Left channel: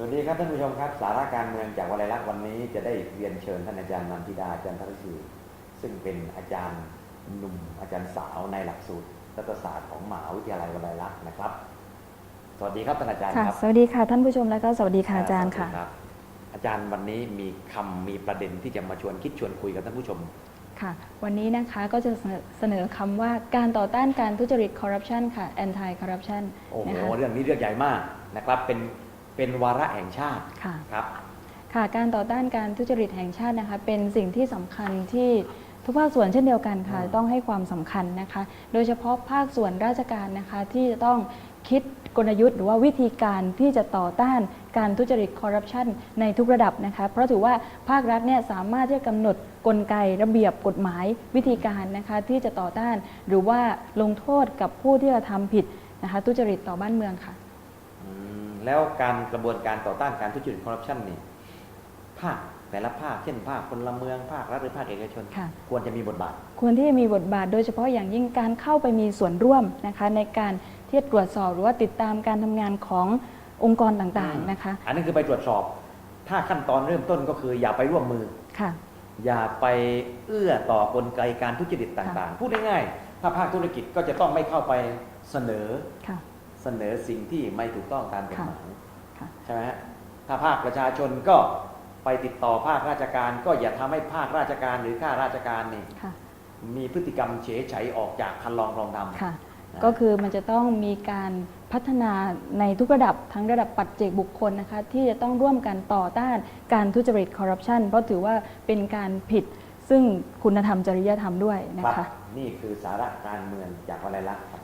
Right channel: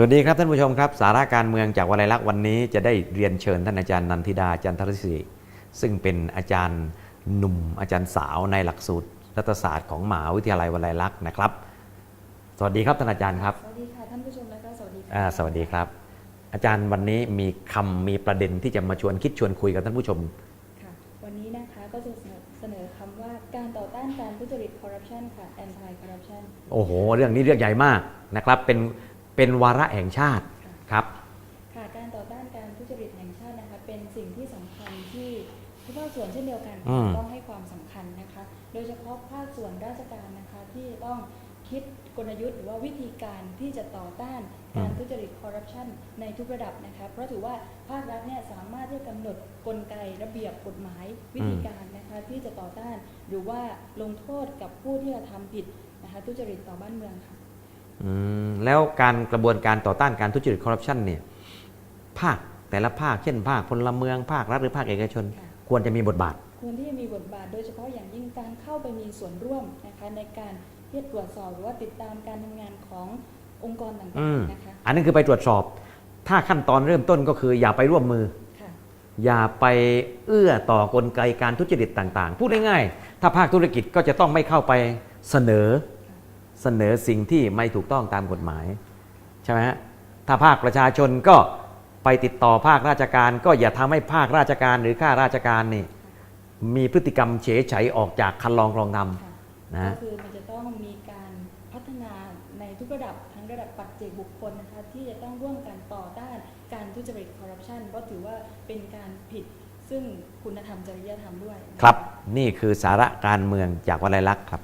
สวัสดีครับท่านผู้ชมครับสาระการเมืองจากวลัยลักษณ์วันนี้จะได้เรียนเชิญท่านอาจารย์นันทิดาจันทรศิริซึ่งเป็นอาจารย์หนุ่มอาจารย์สาวในหลักสูตรรัฐศาสตร์ของมหาวิทยาลัยวลัยลักษณ์นะครับ สวัสดีครับท่านอาจารย์ค่ะครับ สวัสดีค่ะท่านผู้ชมแล้วก็สวัสดีค่ะอาจารสย์วัสดีค่ะครับ อาจารย์วันนี้มีคำมีประเด็นที่จะมาชวนคิดชวนคุยกับท่านผู้ชมค่ะ วันนี้นะคะก็จะเสนอเสนอคำว่าการต่อต้านการทุจริตคอร์รัปชันค่ะ anti corruption โอ้โหนะคะเรื่องนี้เรื่องใหญ่มากนะครับเป็น เป็นวาระแห่งชาติค่ะ ครับ ค่ะ การต่อต้านการทุจริตแห่งชาตินะคะ เป็นสิ่งที่สำคัญที่ทุกภาคส่วนเช่นเดียวกันค่ะ อืม ต้องให้ความสำคัญนะคะ โดยเฉพาะภาคส่วนราชการนะคะที่จะต้องคิดกลยุทธ์หรือว่าวิธีการที่จะต่อต้านการทุจริตคอร์รัปชันในทุกระดับนะคะ เพราะถือว่าภาครัฐเนี่ยสามารถที่จะกำหนดกลไกระเบียบกฎหมายวิธีการนะคะที่จะต่อต้าน หรือว่าลงโทษกับผู้ที่กระทำผิดนะคะทุจริตต่อบ้านเมืองค่ะอืม แล้วการกระบวนการต่อต้านการทุจริตคอร์รัปชันเนี่ยภาคแต่ละภาคเช่นภาคพลเมืองภาครัฐหรือภาคเอกชนค่ะควรจะมีบทบาท ควรที่จะมีบทบาท โดยเฉพาะอย่างยิ่งการเข้าไปมีส่วนร่วมนะคะในการที่จะตรวจสอบหรือว่าติดตามการทำงานขององค์กรต่างอืมๆนะคะ อันนั้นคือไปตรวจสอบ ถ้าขั้นตอนเริ่มต้นก็คืออย่าไปร่วมมือค่ะอย่าไปเอื้อต่อกลไกการทุจริตต่างๆ พูดง่ายๆ ถ้าภาคธุรกิจก็จะต้องไม่เข้าไปเสนอค่ะ เสนอสิ่งที่ไม่ถูกต้องตามกฎหมายค่ะใช่ไหมฮะถ้าภาคประชาชนก็ไปติดต่อภาคราชการ ก็อย่าทำให้ภาคราชการหรือข้าราชการนี่ค่ะมีพฤติกรรมเฉยไฉออกจากคันลองรองดค่ะนะก็คือมันจะต้องมีการพัฒนาในทุกระดับทั้งระดับปัจเจกบุคคลนะคะที่จะต้องร่วมกันต่อต้านการทุจริตคอร์รัปชันเพราะถือว่าเป็นการผิดซึ่งคุณธรรมจริยธรรมด้วยำนะครับคะนี่คือสาระการเมืองจากวลัยลักษณ์ครับ